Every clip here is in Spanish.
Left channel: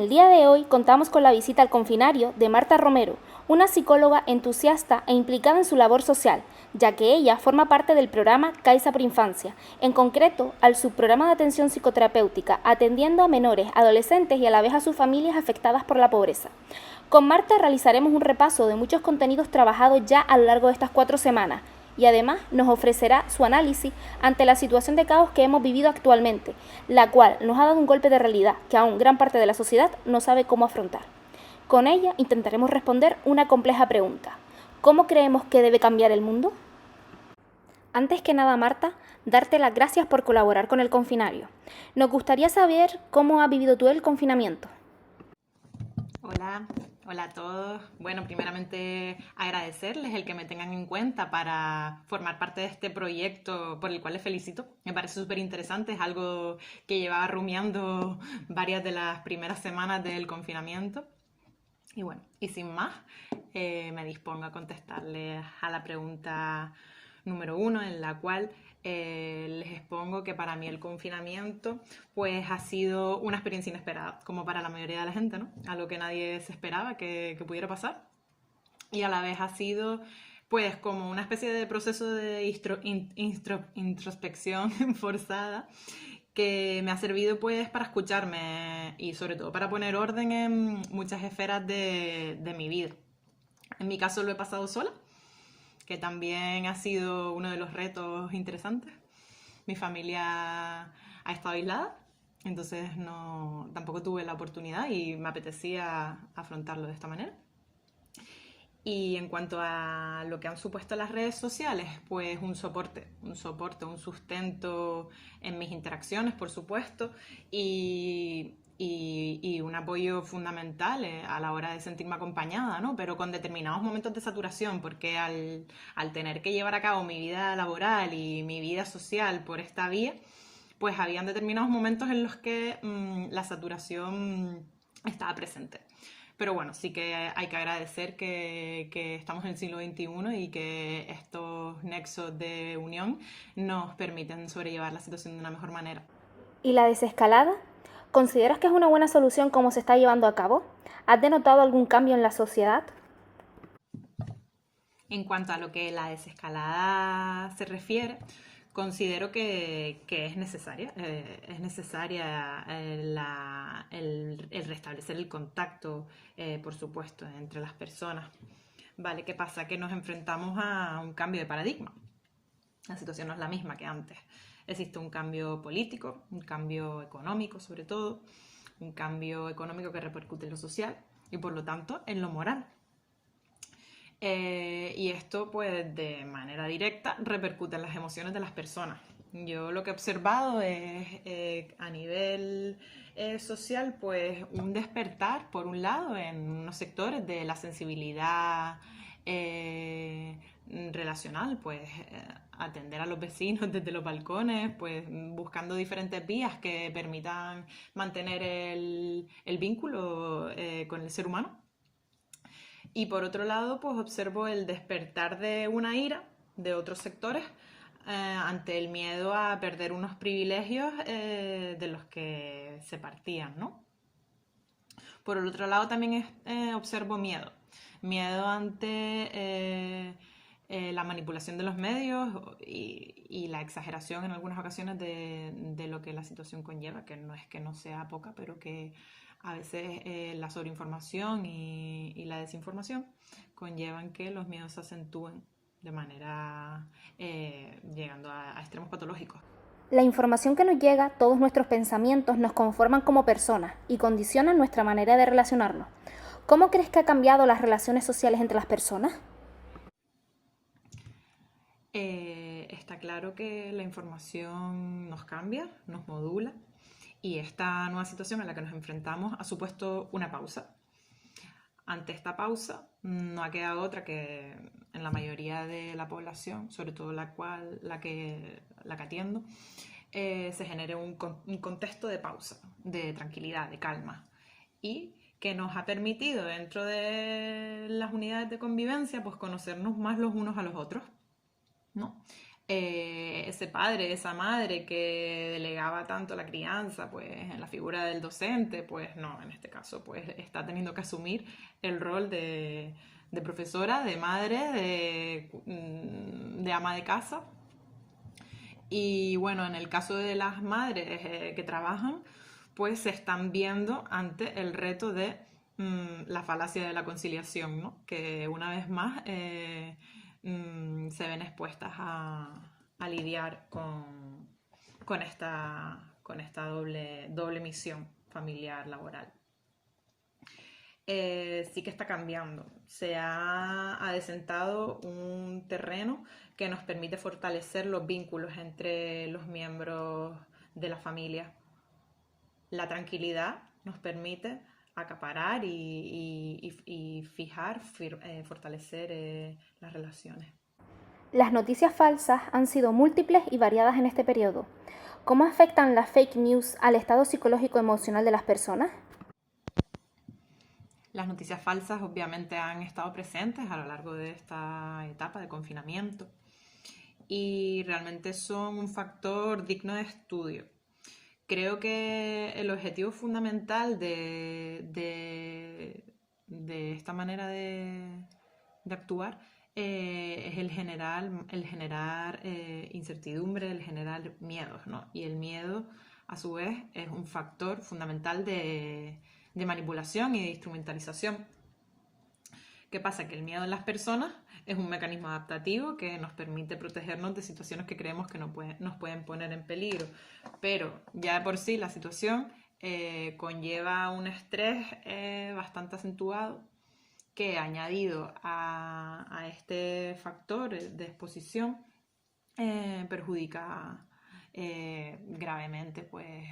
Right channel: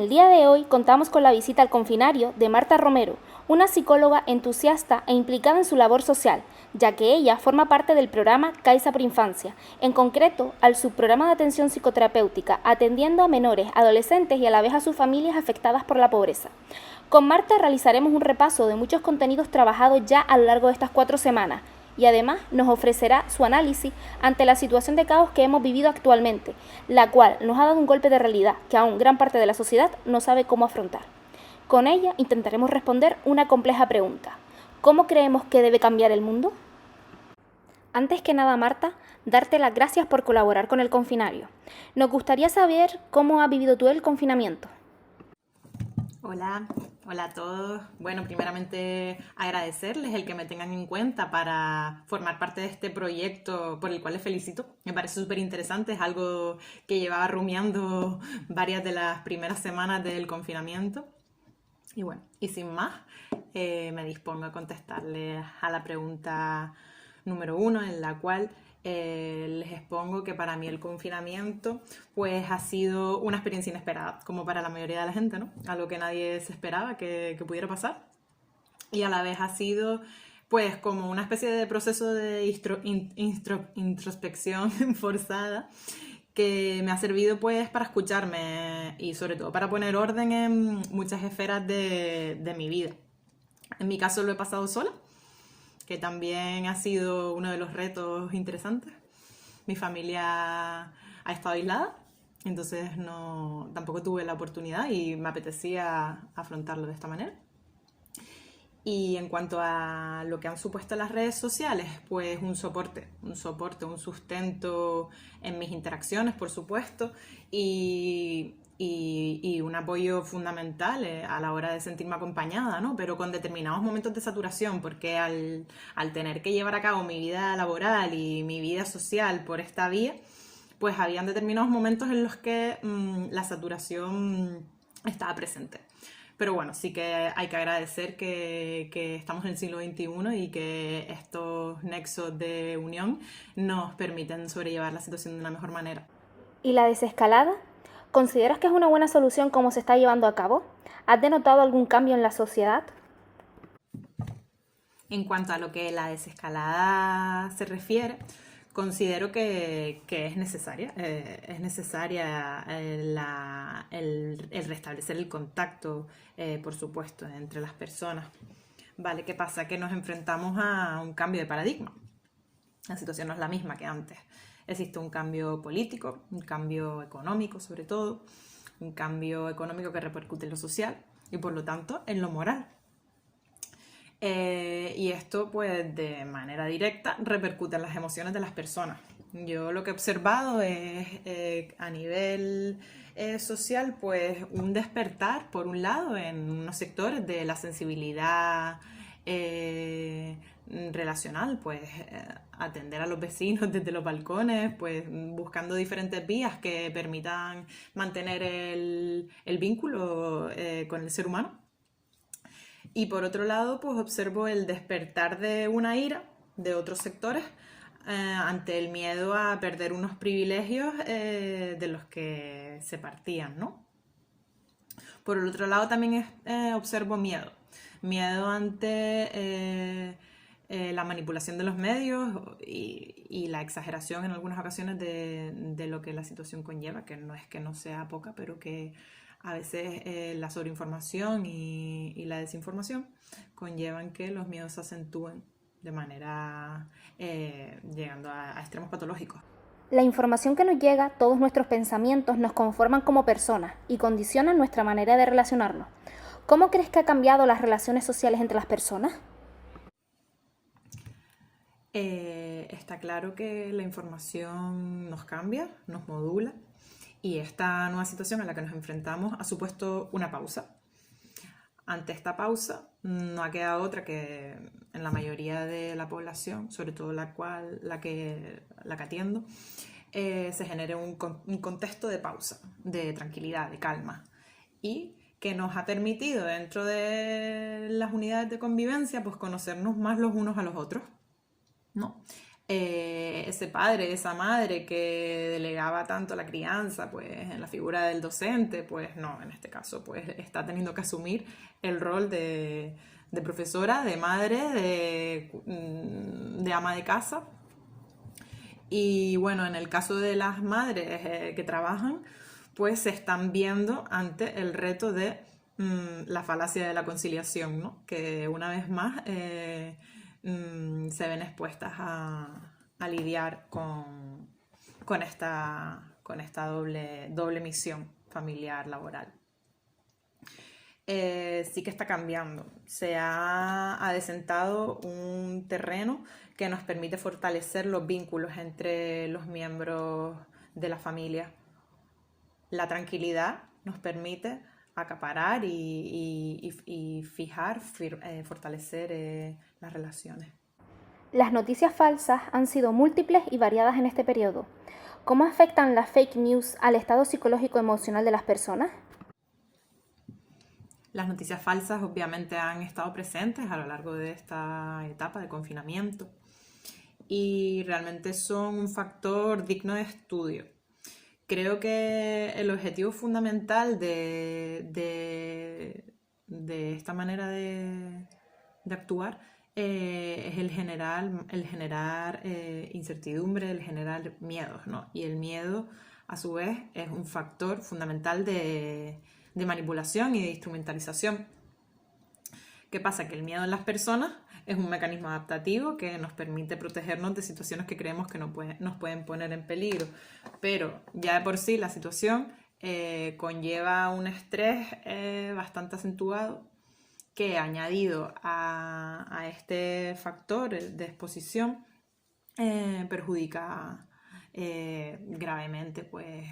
el día de hoy contamos con la visita al confinario de Marta Romero, una psicóloga entusiasta e implicada en su labor social, ya que ella forma parte del programa Caixa por Infancia, en concreto al subprograma de atención psicoterapéutica, atendiendo a menores, adolescentes y a la vez a sus familias afectadas por la pobreza. Con Marta realizaremos un repaso de muchos contenidos trabajados ya a lo largo de estas 4 semanas, y además nos ofrecerá su análisis ante la situación de caos que hemos vivido actualmente, la cual nos ha dado un golpe de realidad que aún gran parte de la sociedad no sabe cómo afrontar. Con ella intentaremos responder una compleja pregunta: ¿cómo creemos que debe cambiar el mundo? Antes que nada, Marta, darte las gracias por colaborar con el confinario. Nos gustaría saber cómo has vivido tú el confinamiento. Hola, hola a todos. Bueno, primeramente agradecerles el que me tengan en cuenta para formar parte de este proyecto por el cual les felicito. Me parece súper interesante, es algo que llevaba rumiando varias de las primeras semanas del confinamiento. Y bueno, y sin más, me dispongo a contestarles a la pregunta número 1, en la cual les expongo que para mí el confinamiento pues ha sido una experiencia inesperada, como para la mayoría de la gente, ¿no? Algo que nadie se esperaba que pudiera pasar. Y a la vez ha sido pues como una especie de proceso de introspección forzada que me ha servido pues para escucharme y sobre todo para poner orden en muchas esferas de mi vida. En mi caso lo he pasado sola, que también ha sido uno de los retos interesantes. Mi familia ha estado aislada, entonces tampoco tuve la oportunidad y me apetecía afrontarlo de esta manera. Y en cuanto a lo que han supuesto las redes sociales, pues un soporte, un sustento en mis interacciones, por supuesto, y un apoyo fundamental a la hora de sentirme acompañada, ¿no? Pero con determinados momentos de saturación, porque al tener que llevar a cabo mi vida laboral y mi vida social por esta vía, pues habían determinados momentos en los que la saturación estaba presente. Pero bueno, sí que hay que agradecer que estamos en el siglo XXI y que estos nexos de unión nos permiten sobrellevar la situación de una mejor manera. ¿Y la desescalada? ¿Consideras que es una buena solución cómo se está llevando a cabo? ¿Has denotado algún cambio en la sociedad? En cuanto a lo que la desescalada se refiere, considero que es necesaria. Es necesaria el restablecer el contacto, por supuesto, entre las personas. Vale, ¿qué pasa? Que nos enfrentamos a un cambio de paradigma. La situación no es la misma que antes. Existe un cambio político, un cambio económico sobre todo, un cambio económico que repercute en lo social y por lo tanto en lo moral. Y esto pues de manera directa repercute en las emociones de las personas. Yo lo que he observado es a nivel social pues un despertar por un lado en unos sectores de la sensibilidad relacional, pues atender a los vecinos desde los balcones, pues buscando diferentes vías que permitan mantener el vínculo con el ser humano. Y por otro lado, pues observo el despertar de una ira de otros sectores ante el miedo a perder unos privilegios de los que se partían, ¿no? Por el otro lado también observo miedo. Miedo ante la manipulación de los medios y la exageración en algunas ocasiones de lo que la situación conlleva, que no es que no sea poca, pero que a veces la sobreinformación y la desinformación conllevan que los miedos se acentúen de manera llegando a extremos patológicos. La información que nos llega, todos nuestros pensamientos nos conforman como personas y condicionan nuestra manera de relacionarnos. ¿Cómo crees que ha cambiado las relaciones sociales entre las personas? Está claro que la información nos cambia, nos modula, y esta nueva situación a la que nos enfrentamos ha supuesto una pausa. Ante esta pausa no ha quedado otra que en la mayoría de la población, sobre todo la que atiendo, se genere un contexto de pausa, de tranquilidad, de calma, y que nos ha permitido dentro de las unidades de convivencia pues conocernos más los unos a los otros, ¿no? ese padre, esa madre que delegaba tanto la crianza, pues en la figura del docente, pues no, en este caso pues está teniendo que asumir el rol de profesora, de madre, de ama de casa. Y bueno, en el caso de las madres que trabajan, pues se están viendo ante el reto de la falacia de la conciliación, ¿no? Que una vez más se ven expuestas a lidiar con esta doble misión familiar, laboral. Sí que está cambiando. Se ha adesentado un terreno que nos permite fortalecer los vínculos entre los miembros de la familia. La tranquilidad nos permite acaparar y fortalecer las relaciones. Las noticias falsas han sido múltiples y variadas en este periodo. ¿Cómo afectan las fake news al estado psicológico-emocional de las personas? Las noticias falsas obviamente han estado presentes a lo largo de esta etapa de confinamiento y realmente son un factor digno de estudio. Creo que el objetivo fundamental de esta manera de actuar es el generar incertidumbre, el generar miedos, ¿no? Y el miedo, a su vez, es un factor fundamental de manipulación y de instrumentalización. ¿Qué pasa? Que el miedo en las personas es un mecanismo adaptativo que nos permite protegernos de situaciones que creemos que nos pueden poner en peligro. Pero ya de por sí la situación conlleva un estrés bastante acentuado que, añadido a este factor de exposición, perjudica gravemente, pues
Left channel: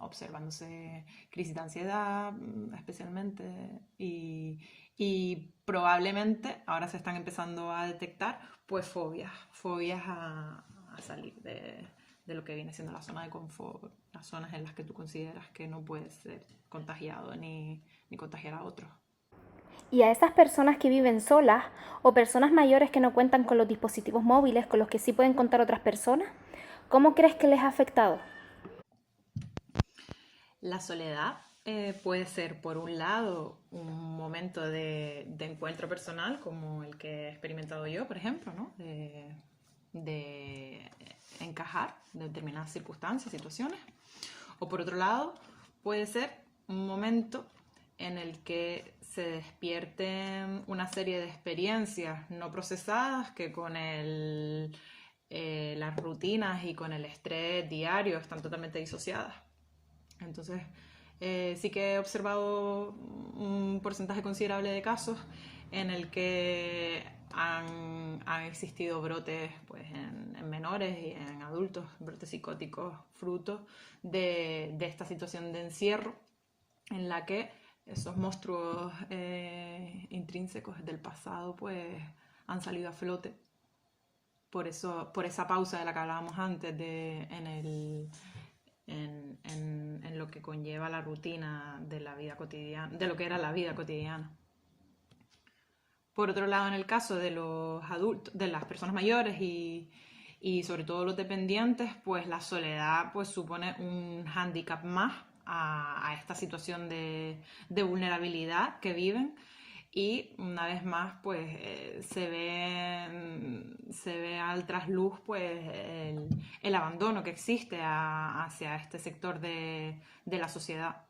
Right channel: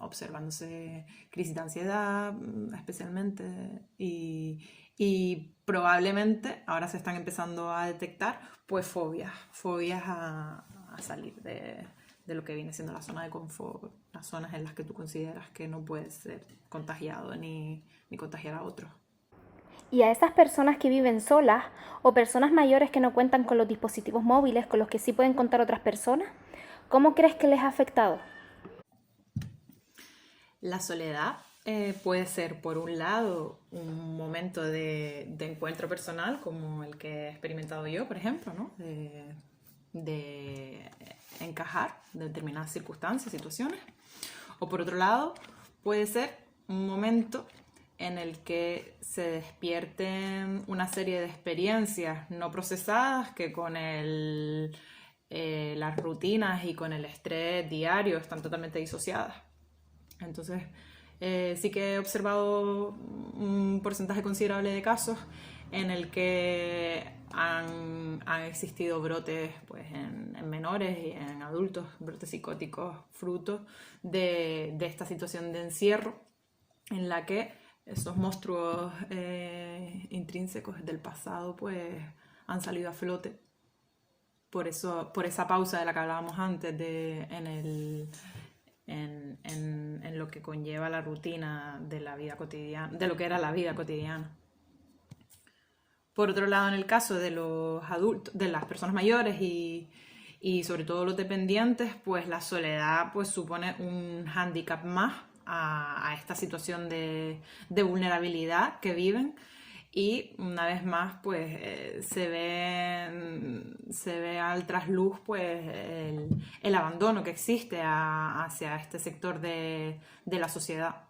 observándose crisis de ansiedad especialmente y probablemente ahora se están empezando a detectar pues fobias a salir de lo que viene siendo la zona de confort, las zonas en las que tú consideras que no puedes ser contagiado ni contagiar a otros. Y a esas personas que viven solas o personas mayores que no cuentan con los dispositivos móviles con los que sí pueden contar otras personas, ¿cómo crees que les ha afectado? La soledad puede ser, por un lado, un momento de encuentro personal, como el que he experimentado yo, por ejemplo, ¿no? De encajar de determinadas circunstancias, situaciones. O por otro lado, puede ser un momento en el que se despierten una serie de experiencias no procesadas que con las rutinas y con el estrés diario están totalmente disociadas. Entonces, sí que he observado un porcentaje considerable de casos en el que han existido brotes pues, en menores y en adultos, brotes psicóticos, fruto de esta situación de encierro en la que esos monstruos intrínsecos del pasado pues, han salido a flote. Por esa pausa de la que hablábamos antes en lo que conlleva la rutina de la vida cotidiana, de lo que era la vida cotidiana. Por otro lado, en el caso de los adultos, de las personas mayores y sobre todo los dependientes, pues la soledad pues supone un hándicap más a esta situación de vulnerabilidad que viven. Y una vez más pues se ve al trasluz pues el abandono que existe hacia este sector de la sociedad.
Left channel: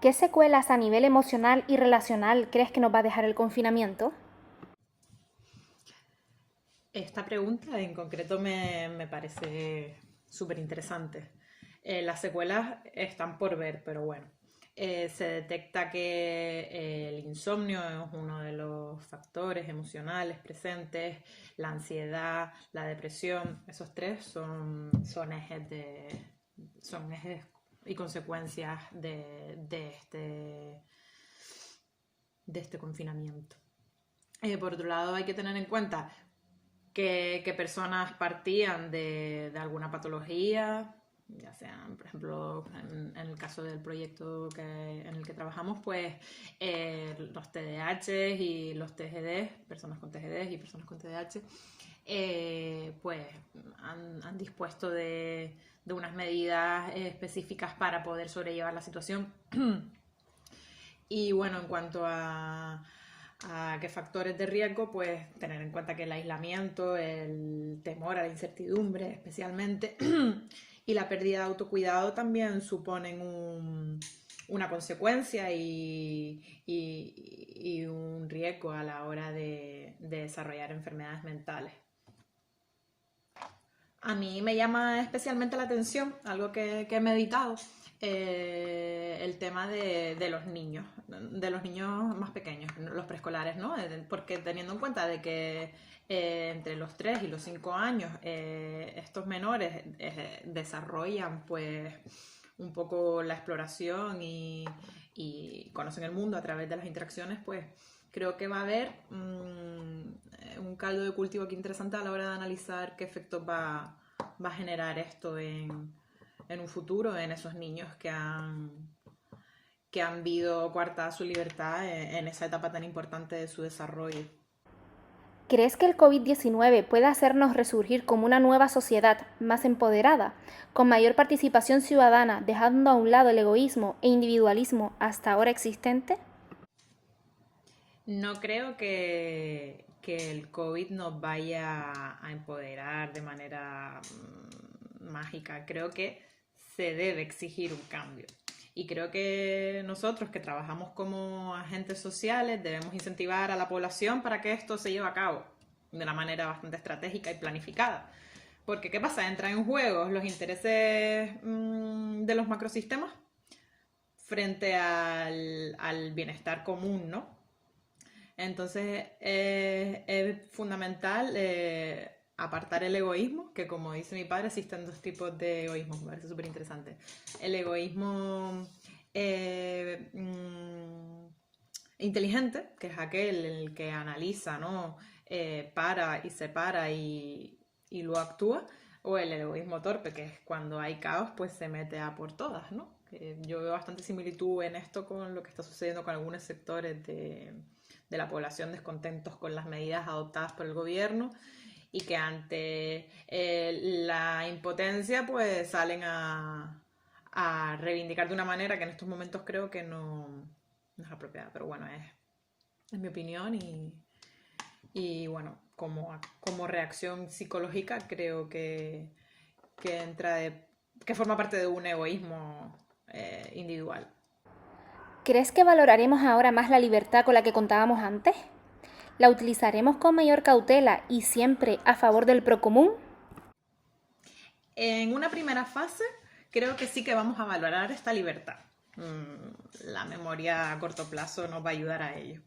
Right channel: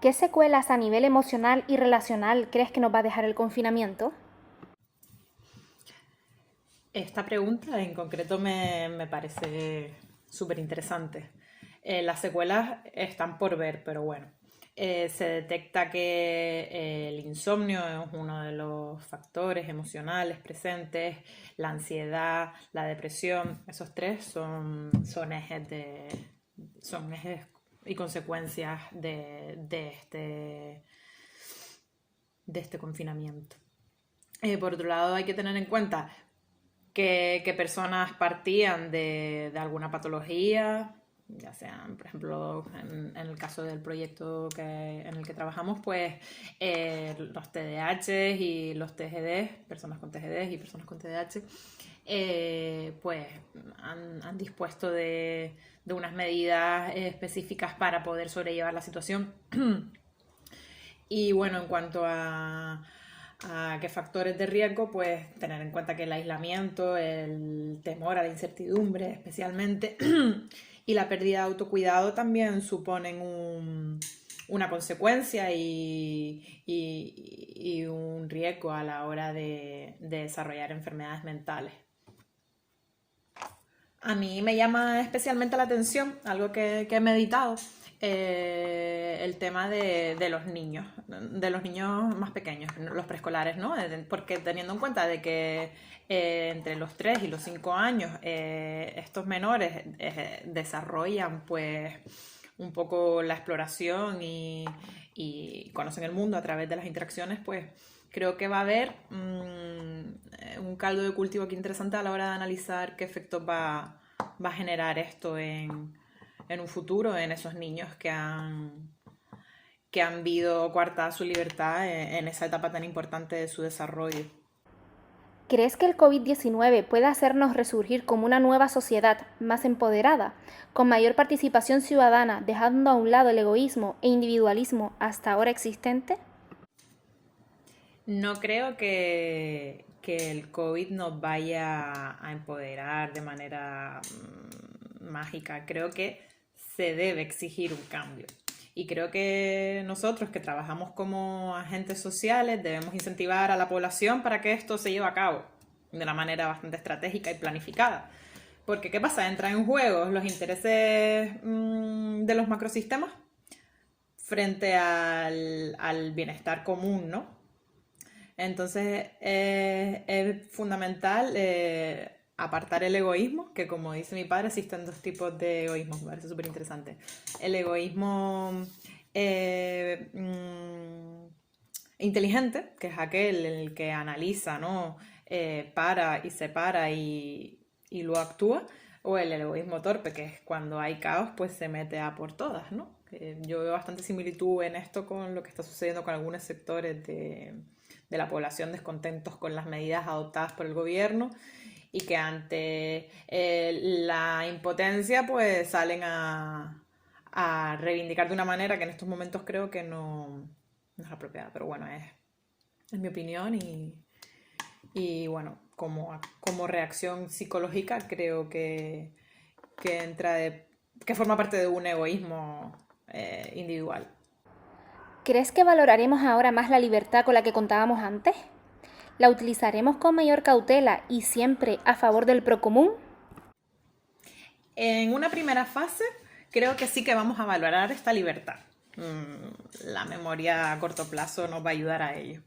¿Qué secuelas a nivel emocional y relacional crees que nos va a dejar el confinamiento? Esta pregunta en concreto me parece súper interesante. Las secuelas están por ver, pero bueno. Se detecta que el insomnio es uno de los factores emocionales presentes, la ansiedad, la depresión, esos tres son ejes y consecuencias de este confinamiento. Por otro lado, hay que tener en cuenta que personas partían de alguna patología, ya sean, por ejemplo, en el caso del proyecto en el que trabajamos, pues los TDAH y los TGD, personas con TGD y personas con TDAH, pues han dispuesto de unas medidas específicas para poder sobrellevar la situación. Y bueno, en cuanto a qué factores de riesgo, pues tener en cuenta que el aislamiento, el temor a la incertidumbre especialmente, y la pérdida de autocuidado también suponen una consecuencia y un riesgo a la hora de desarrollar enfermedades mentales. A mí me llama especialmente la atención, algo que he meditado, el tema de los niños más pequeños, los preescolares, ¿no? Porque teniendo en cuenta de que entre los 3 y los 5 años estos menores desarrollan pues un poco la exploración y conocen el mundo a través de las interacciones, pues creo que va a haber un caldo de cultivo aquí interesante a la hora de analizar qué efectos va a generar esto en un futuro en esos niños que han visto coartada su libertad en esa etapa tan importante de su desarrollo. ¿Crees que el COVID-19 puede hacernos resurgir como una nueva sociedad más empoderada, con mayor participación ciudadana, dejando a un lado el egoísmo e individualismo hasta ahora existente? No creo que el COVID nos vaya a empoderar de manera mágica. Creo que se debe exigir un cambio. Y creo que nosotros que trabajamos como agentes sociales debemos incentivar a la población para que esto se lleve a cabo de una manera bastante estratégica y planificada. Porque ¿qué pasa? Entran en juego los intereses de los macrosistemas frente al bienestar común, ¿no? Entonces es fundamental apartar el egoísmo, que como dice mi padre existen dos tipos de egoísmo, me parece súper interesante. El egoísmo inteligente, que es aquel el que analiza, ¿no? Para y separa y luego actúa, o el egoísmo torpe, que es cuando hay caos, pues se mete a por todas, ¿no? Yo veo bastante similitud en esto con lo que está sucediendo con algunos sectores de la población descontentos con las medidas adoptadas por el gobierno y que ante la impotencia pues salen a reivindicar de una manera que en estos momentos creo que no es apropiada, pero bueno, es mi opinión y bueno, como reacción psicológica creo que que forma parte de un egoísmo individual. ¿Crees que valoraremos ahora más la libertad con la que contábamos antes? ¿La utilizaremos con mayor cautela y siempre a favor del procomún? En una primera fase, creo que sí que vamos a valorar esta libertad. La memoria a corto plazo nos va a ayudar a ello.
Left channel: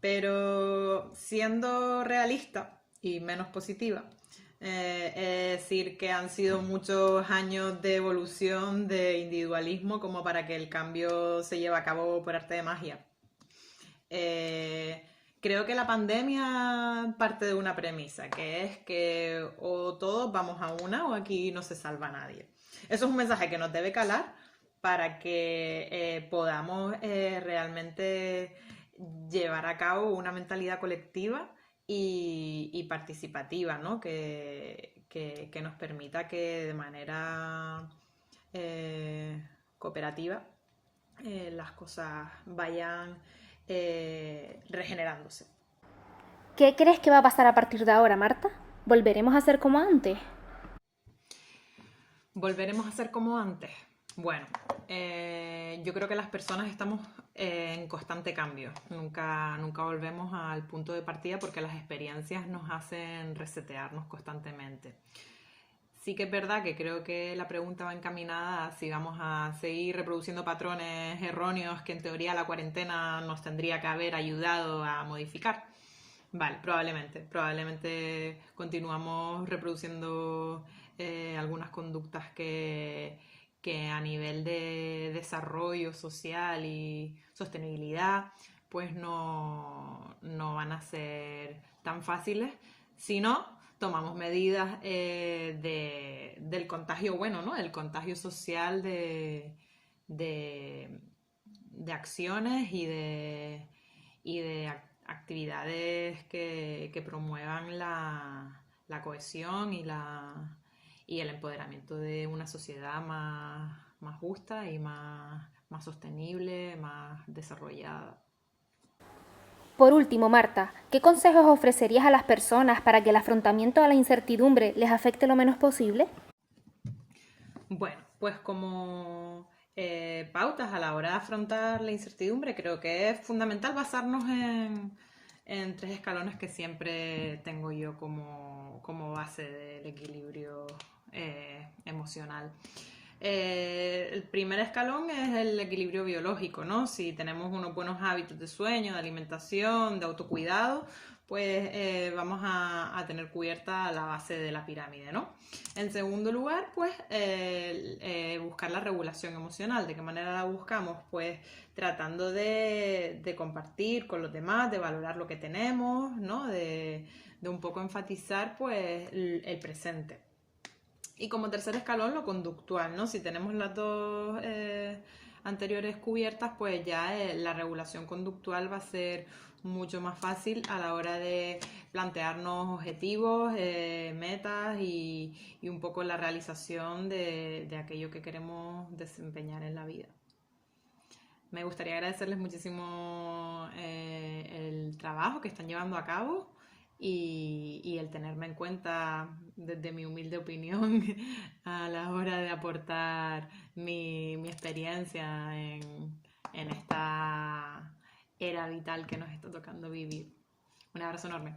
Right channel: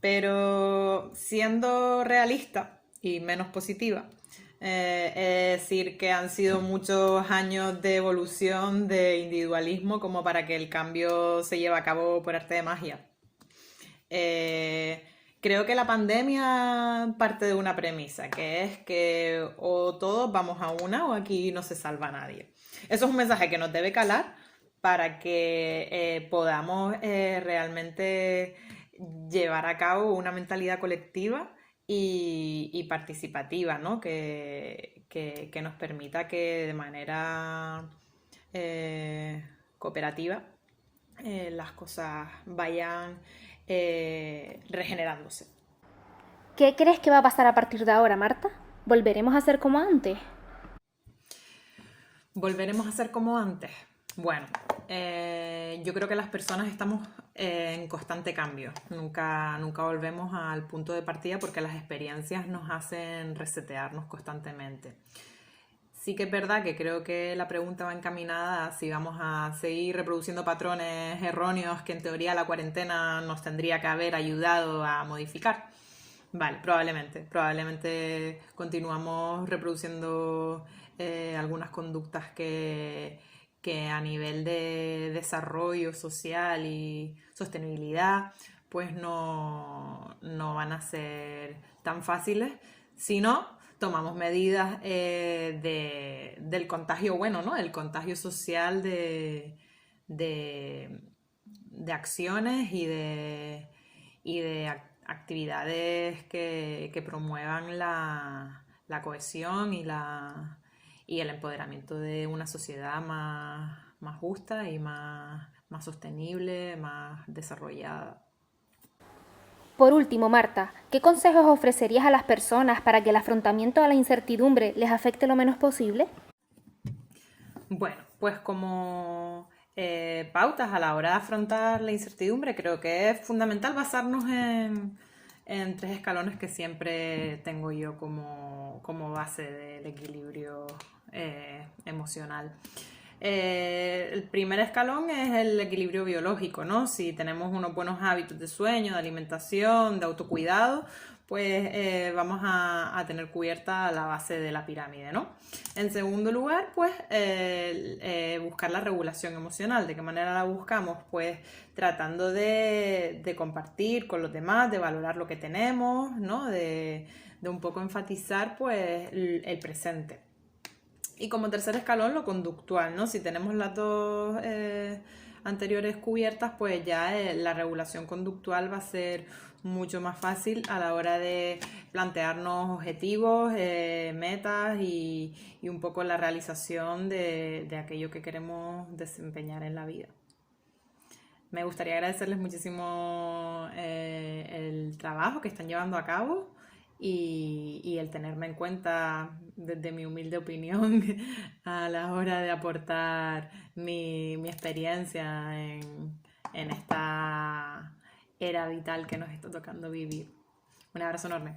Pero siendo realista y menos positiva, es decir, que han sido muchos años de evolución de individualismo como para que el cambio se lleve a cabo por arte de magia. Creo que la pandemia parte de una premisa, que es que o todos vamos a una o aquí no se salva nadie. Eso es un mensaje que nos debe calar para que podamos realmente llevar a cabo una mentalidad colectiva y participativa, ¿no? Que nos permita que de manera cooperativa las cosas vayan regenerándose. ¿Qué crees que va a pasar a partir de ahora, Marta? ¿Volveremos a ser como antes? ¿Volveremos a ser como antes? Bueno, yo creo que las personas estamos en constante cambio. Nunca volvemos al punto de partida porque las experiencias nos hacen resetearnos constantemente. Sí que es verdad que creo que la pregunta va encaminada a si vamos a seguir reproduciendo patrones erróneos que en teoría la cuarentena nos tendría que haber ayudado a modificar. Vale, probablemente continuamos reproduciendo algunas conductas que a nivel de desarrollo social y sostenibilidad pues no van a ser tan fáciles, sino tomamos medidas del contagio bueno, ¿no? El contagio social de acciones y de actividades que promuevan la la cohesión y el empoderamiento de una sociedad más justa y más sostenible, más desarrollada. Por último, Marta, ¿qué consejos ofrecerías a las personas para que el afrontamiento a la incertidumbre les afecte lo menos posible? Bueno, pues como pautas a la hora de afrontar la incertidumbre, creo que es fundamental basarnos en 3 escalones que siempre tengo yo como base del equilibrio emocional. El primer escalón es el equilibrio biológico, ¿no? Si tenemos unos buenos hábitos de sueño, de alimentación, de autocuidado, pues vamos a tener cubierta la base de la pirámide, ¿no? En segundo lugar, pues buscar la regulación emocional. ¿De qué manera la buscamos? Pues tratando de compartir con los demás, de valorar lo que tenemos, ¿no? De un poco enfatizar pues el presente. Y como tercer escalón, lo conductual, ¿no? Si tenemos las dos anteriores cubiertas, pues ya la regulación conductual va a ser mucho más fácil a la hora de plantearnos objetivos, metas y un poco la realización de aquello que queremos desempeñar en la vida. Me gustaría agradecerles muchísimo el trabajo que están llevando a cabo y el tenerme en cuenta desde mi humilde opinión a la hora de aportar mi experiencia en esta era vital que nos está tocando vivir. Un abrazo enorme.